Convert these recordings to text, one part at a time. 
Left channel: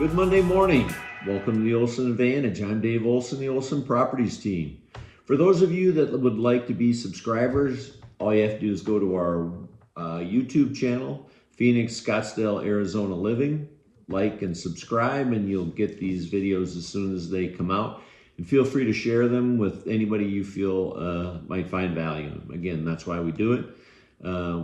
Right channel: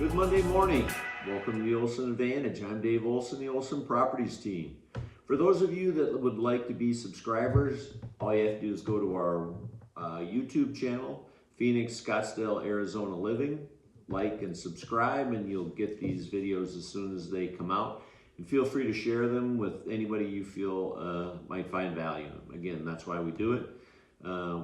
Good Monday morning. Welcome to the Olson Advantage. I'm Dave Olson, the Olson Properties Team. For those of you that would like to be subscribers, all you have to do is go to our YouTube channel, Phoenix, Scottsdale, Arizona Living. Like and subscribe, and you'll get these videos as soon as they come out. And feel free to share them with anybody you feel might find value in them. Again, that's why we do it.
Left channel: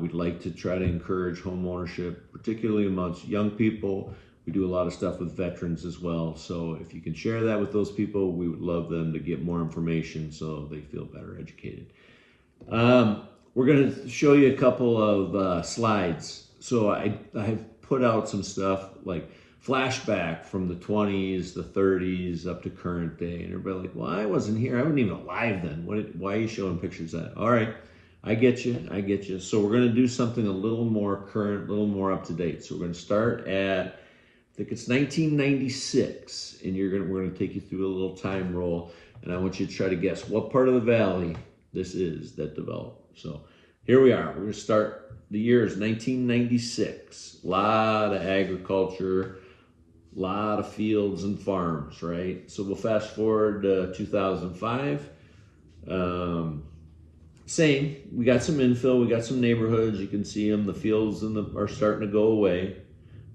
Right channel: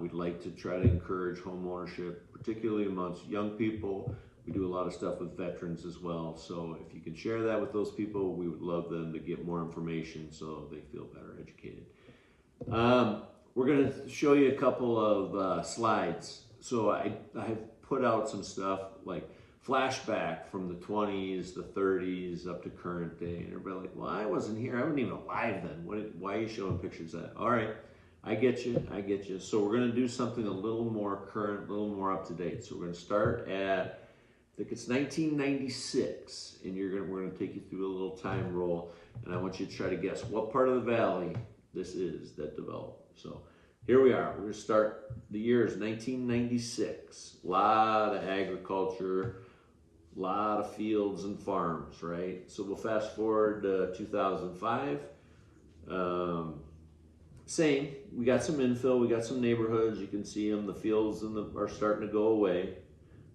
We'd like to try to encourage home ownership, particularly amongst young people. We do a lot of stuff with veterans as well. So if you can share that with those people, we would love them to get more information so they feel better educated. We're going to show you a couple of slides. So I have put out some stuff like flashback from the 20s, the 30s, up to current day. And everybody like, well, I wasn't here. I wasn't even alive then. Why are you showing pictures of that? All right. I get you. So we're going to do something a little more current, a little more up to date. So we're going to start at, I think it's 1996, and we're going to take you through a little time roll, and I want you to try to guess what part of the valley this is that developed. So here we are. We're going to start. The year is 1996. A lot of agriculture, a lot of fields and farms, right? So we'll fast forward to 2005. Same. We got some infill. We got some neighborhoods. You can see them. The fields are starting to go away.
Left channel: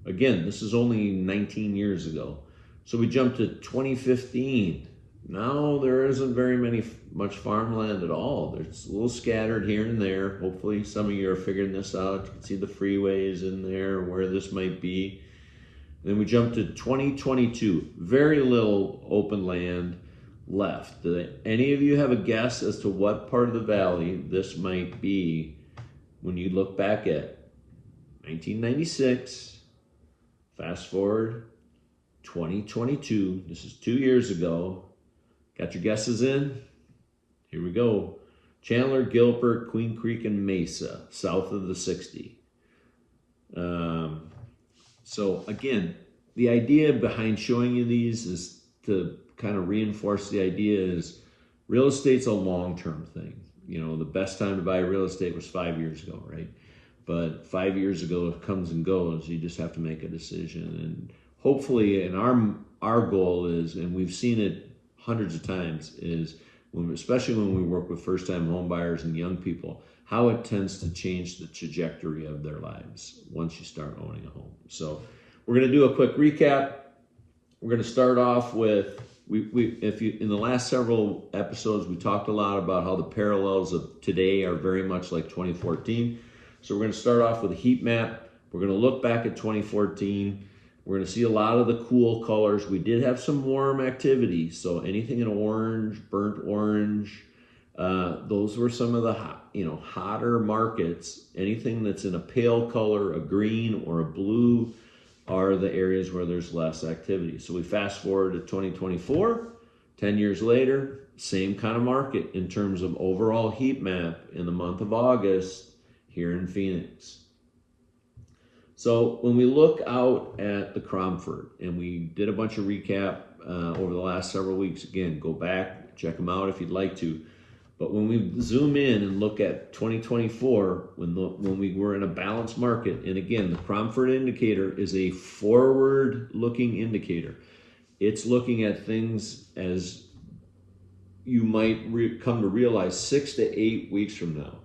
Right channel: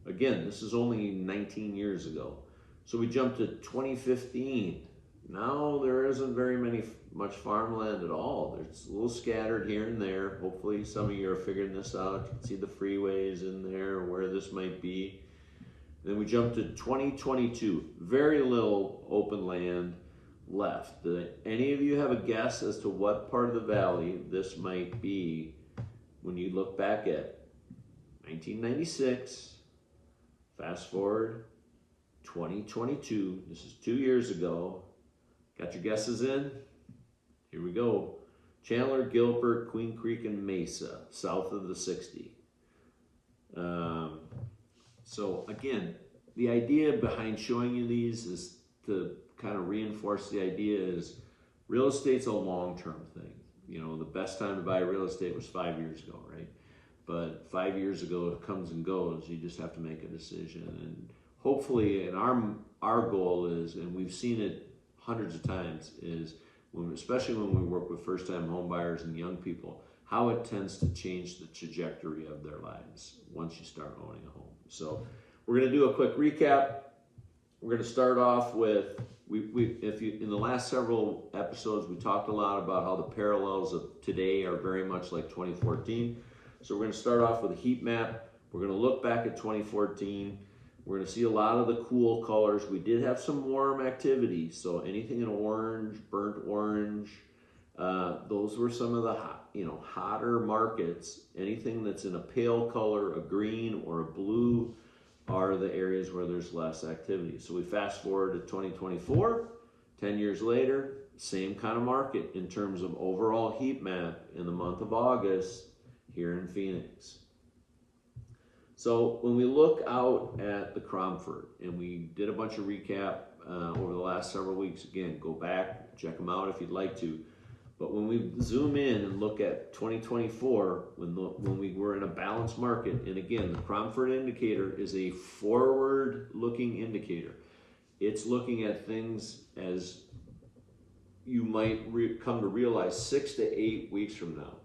Again, this is only 19 years ago. So we jumped to 2015. Now there isn't much farmland at all. There's a little scattered here and there. Hopefully some of you are figuring this out. You can see the freeways in there, where this might be. Then we jumped to 2022. Very little open land left. Do any of you have a guess as to what part of the valley this might be when you look back at 1996? Fast forward, 2022, this is 2 years ago. Got your guesses in? Here we go. Chandler, Gilbert, Queen Creek, and Mesa, south of the 60. So again, the idea behind showing you these is to kind of reinforce the idea is real estate's a long-term thing. You know, the best time to buy real estate was 5 years ago, right? But 5 years ago, it comes and goes. You just have to make a decision. And hopefully, and our goal is, and we've seen it hundreds of times, is especially when we work with first-time home buyers and young people, how it tends to change the trajectory of their lives once you start owning a home. So we're going to do a quick recap. We're going to start off with, in the last several episodes, we talked a lot about how the parallels of today are very much like 2014. So we're going to start off with a heat map. We're going to look back at 2014. We're going to see a lot of the cool colors. We did have some warm activity. So anything in orange, burnt orange, those were some of the hotter markets. Anything that's in a pale color, a green or a blue, are the areas where there's less activity. So we fast forward to 2024, 10 years later, same kind of market in terms of overall heat map in the month of August here in Phoenix. So when we look out at the Cromford, and we did a bunch of recap over the last several weeks, again, go back, check them out if you'd like to. But when we zoom in and look at 2024, when we were in a balanced market, and again, the Cromford indicator is a forward-looking indicator. It's looking at things as you might come to realize 6 to 8 weeks from now.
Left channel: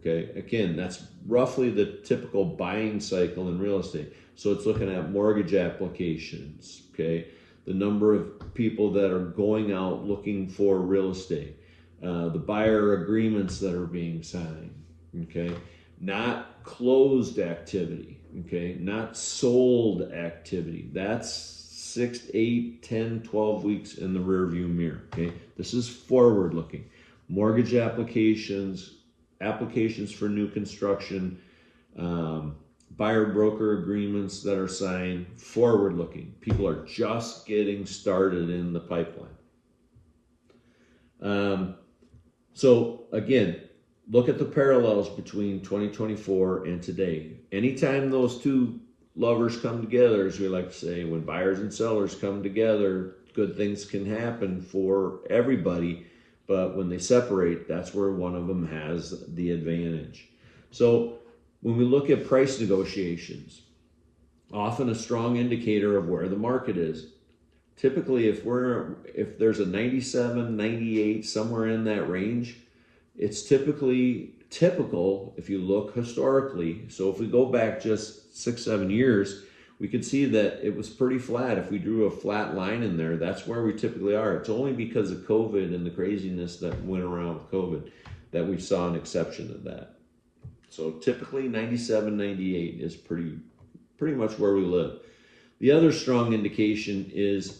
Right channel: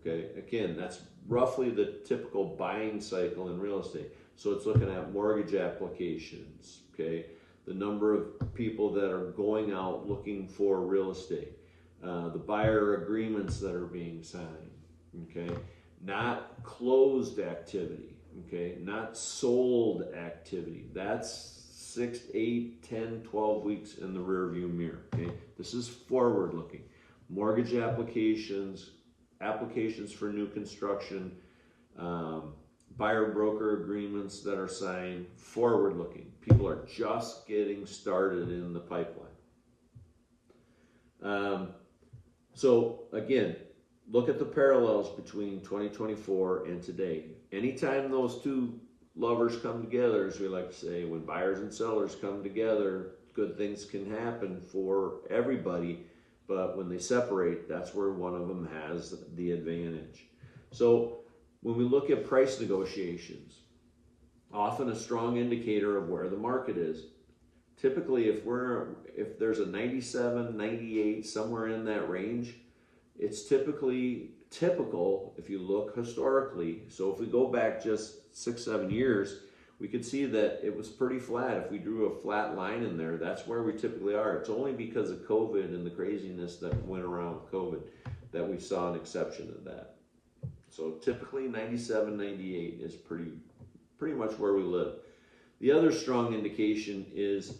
Okay, again, that's roughly the typical buying cycle in real estate. So it's looking at mortgage applications, okay, the number of people that are going out looking for real estate, the buyer agreements that are being signed, okay, not closed activity, okay, not sold activity. That's 6, 8, 10, 12 weeks in the rear view mirror, okay. This is forward looking. Mortgage applications for new construction, buyer broker agreements that are signed, forward looking. People are just getting started in the pipeline. So again, look at the parallels between 2024 and today. Anytime those two lovers come together, as we like to say, when buyers and sellers come together, good things can happen for everybody. But when they separate, that's where one of them has the advantage. So when we look at price negotiations, often a strong indicator of where the market is. Typically, if there's a 97, 98, somewhere in that range, it's typically typical if you look historically. So if we go back just 6, 7 years, we could see that it was pretty flat. If we drew a flat line in there, that's where we typically are. It's only because of COVID and the craziness that went around with COVID that we saw an exception to that. So typically 97, 98 is pretty much where we live. The other strong indication is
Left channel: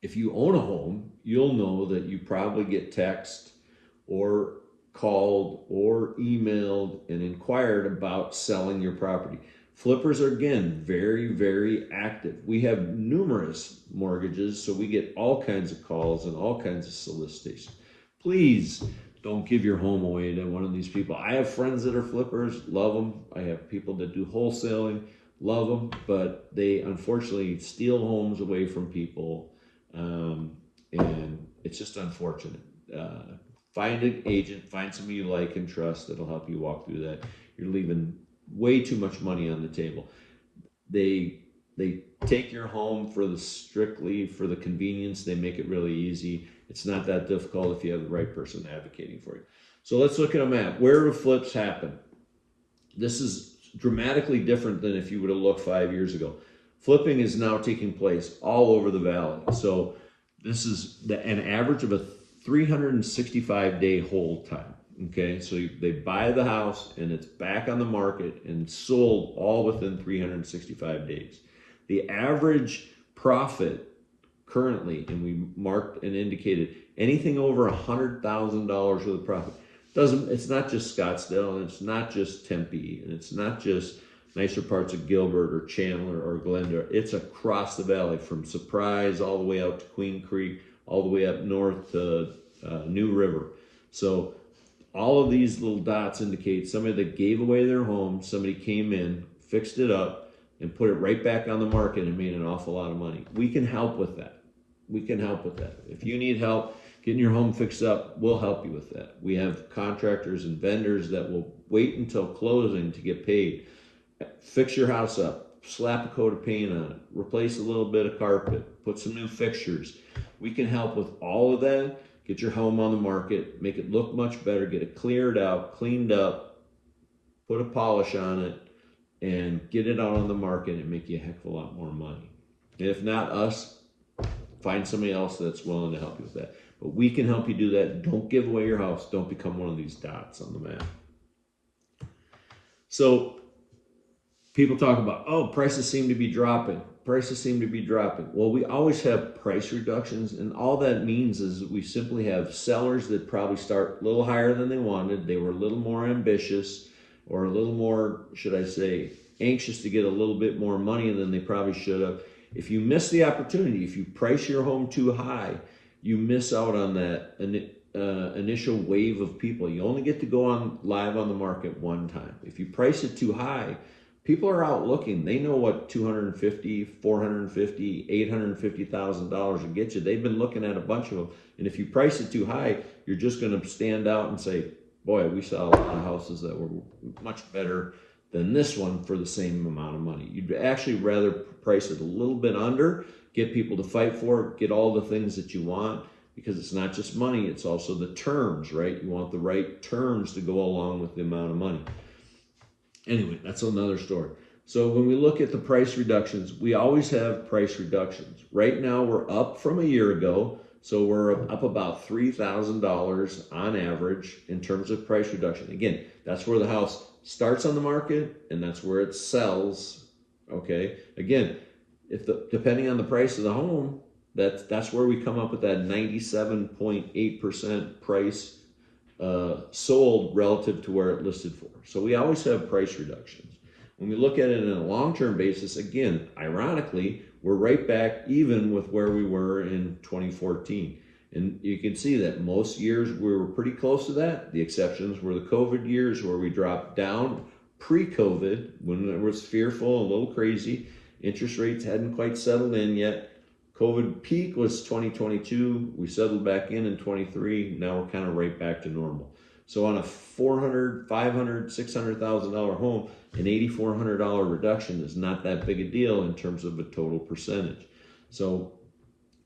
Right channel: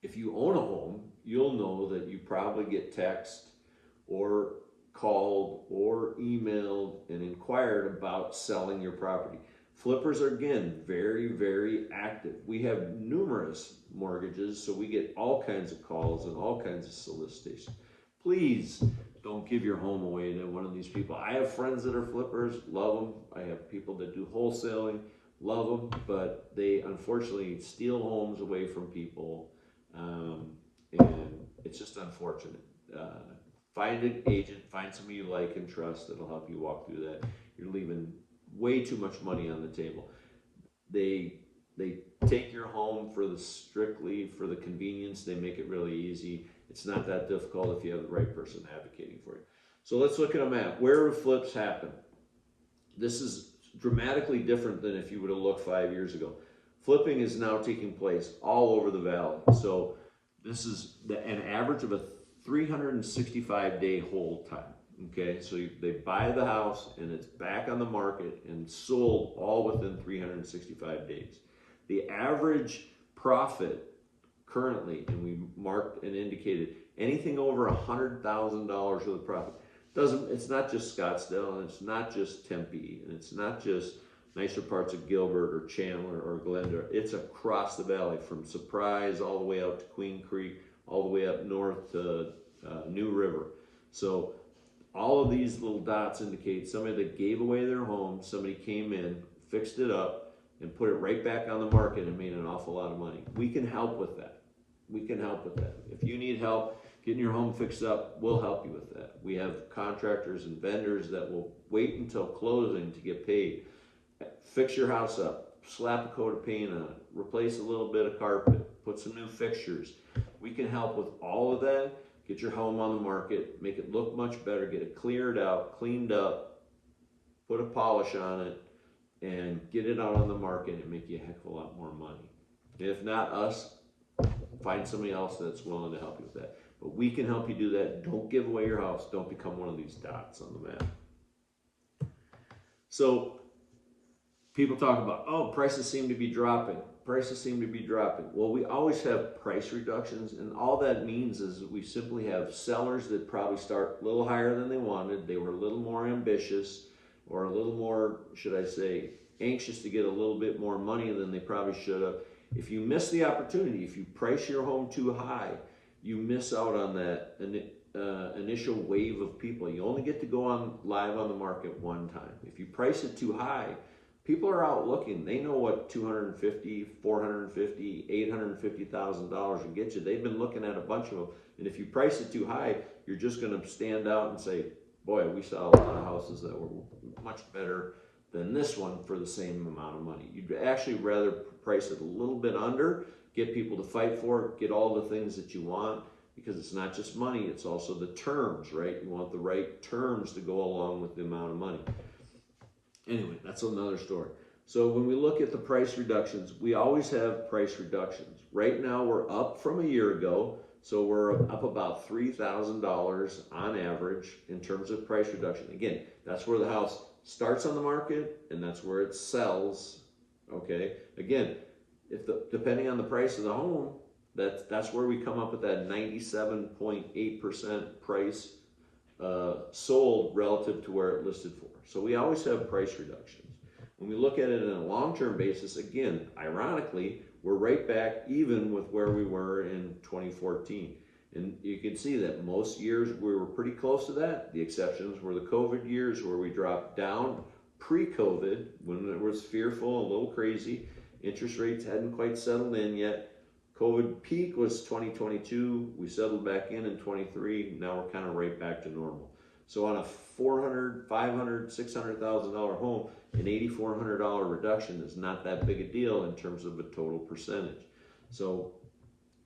if you own a home, you'll know that you probably get text or called or emailed and inquired about selling your property. Flippers are, again, very, very active. We have numerous mortgages, so we get all kinds of calls and all kinds of solicitations. Please don't give your home away to one of these people. I have friends that are flippers, love them. I have people that do wholesaling, love them, but they unfortunately steal homes away from people, and it's just unfortunate. Find an agent, find somebody you like and trust that'll help you walk through that. You're leaving way too much money on the table. They take your home strictly for the convenience. They make it really easy. It's not that difficult if you have the right person advocating for you. So let's look at a map. Where do flips happen? This is dramatically different than if you would have looked 5 years ago. Flipping is now taking place all over the valley. So this is an average of a 365-day hold time. Okay, so they buy the house and it's back on the market and sold all within 365 days. The average profit currently, and we marked and indicated anything over $100,000 worth of profit. It's not just Scottsdale, and it's not just Tempe, and it's not just nicer parts of Gilbert or Chandler or Glendale. It's across the valley from Surprise all the way out to Queen Creek, all the way up north to New River. So all of these little dots indicate somebody that gave away their home, somebody came in, fixed it up, and put it right back on the market and made an awful lot of money. We can help with that. We can help with that. If you need help getting your home fixed up, we'll help you with that. We have contractors and vendors that will wait until closing to get paid. Fix your house up, slap a coat of paint on it, replace a little bit of carpet, put some new fixtures. We can help with all of that. Get your home on the market, make it look much better, get it cleared out, cleaned up, put a polish on it, and get it out on the market and make you a heck of a lot more money. And if not us, find somebody else that's willing to help you with that. But we can help you do that. Don't give away your house. Don't become one of these dots on the map. So people talk about, oh, prices seem to be dropping. Prices seem to be dropping. Well, we always have price reductions, and all that means is we simply have sellers that probably start a little higher than they wanted. They were a little more ambitious, or a little more, should I say, anxious to get a little bit more money than they probably should have. If you miss the opportunity, if you price your home too high, you miss out on that initial wave of people. You only get to go on live on the market one time. If you price it too high, people are out looking. They know what $250,000, $450,000, $850,000 will get you. They've been looking at a bunch of them. And if you price it too high, you're just going to stand out and say, boy, we saw a lot of houses that were much better than this one for the same amount of money. You'd actually rather price it a little bit under, get people to fight for it, get all the things that you want, because it's not just money, it's also the terms, right? You want the right terms to go along with the amount of money. Anyway, that's another story. So when we look at the price reductions, we always have price reductions. Right now, we're up from a year ago, so we're up about $3,000 on average in terms of price reduction. Again, that's where the house starts on the market, and that's where it sells. Okay. Again, depending on the price of the home, that's where we come up with that 97.8% price sold relative to where it listed for. So we always have price reductions. When we look at it on a long-term basis, again, ironically, we're right back even with where we were in 2014. And you can see that most years we were pretty close to that. The exceptions were the COVID years where we dropped down pre-COVID when it was fearful, a little crazy. Interest rates hadn't quite settled in yet. COVID peak was 2022. We settled back in 23. Now we're kind of right back to normal. So on a $400,000, $500,000, $600,000 home, an $8,400 reduction is not that big a deal in terms of a total percentage. So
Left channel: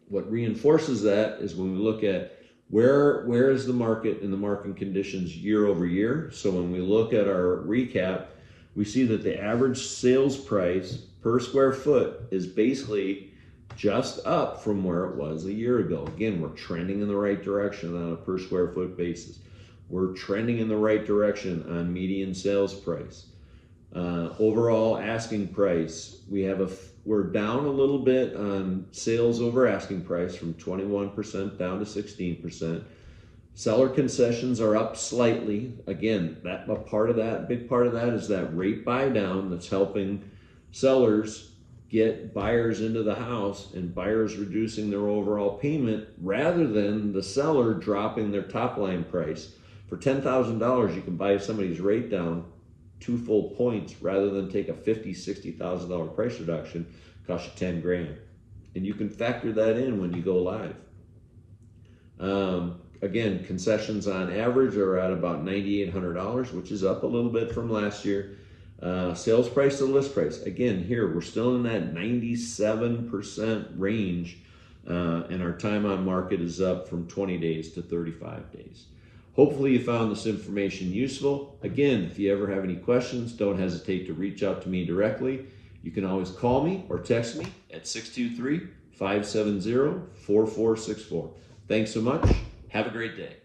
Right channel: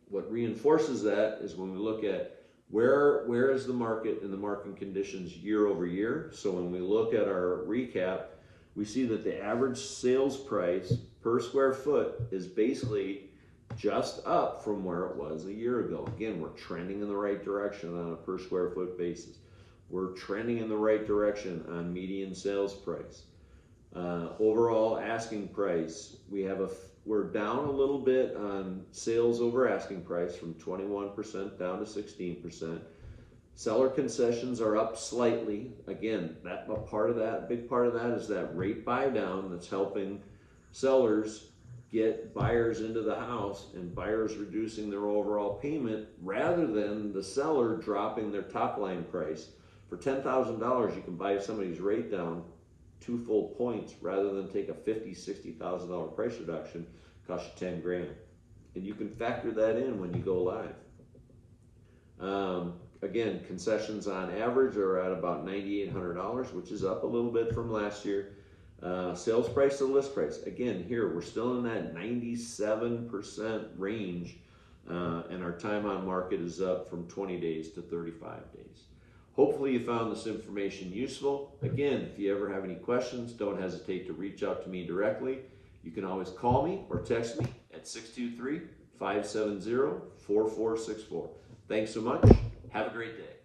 what reinforces that is when we look at where is the market and the market conditions year over year. So when we look at our recap, we see that the average sales price per square foot is basically just up from where it was a year ago. Again, we're trending in the right direction on a per square foot basis. We're trending in the right direction on median sales price. Overall asking price, we're down a little bit on sales over asking price from 21% down to 16%. Seller concessions are up slightly. Again, a big part of that is that rate buy down that's helping sellers get buyers into the house and buyers reducing their overall payment rather than the seller dropping their top line price. For $10,000, you can buy somebody's rate down 2 full points rather than take a $50,000, $60,000 price reduction, cost you 10 grand. And you can factor that in when you go live. Again, concessions on average are at about $9,800, which is up a little bit from last year. Sales price to list price. Again, here we're still in that 97% range, and our time on market is up from 20 days to 35 days. Hopefully you found this information useful. Again, if you ever have any questions, don't hesitate to reach out to me directly. You can always call me or text me at 623-570-4464. Thanks so much. Have a great day.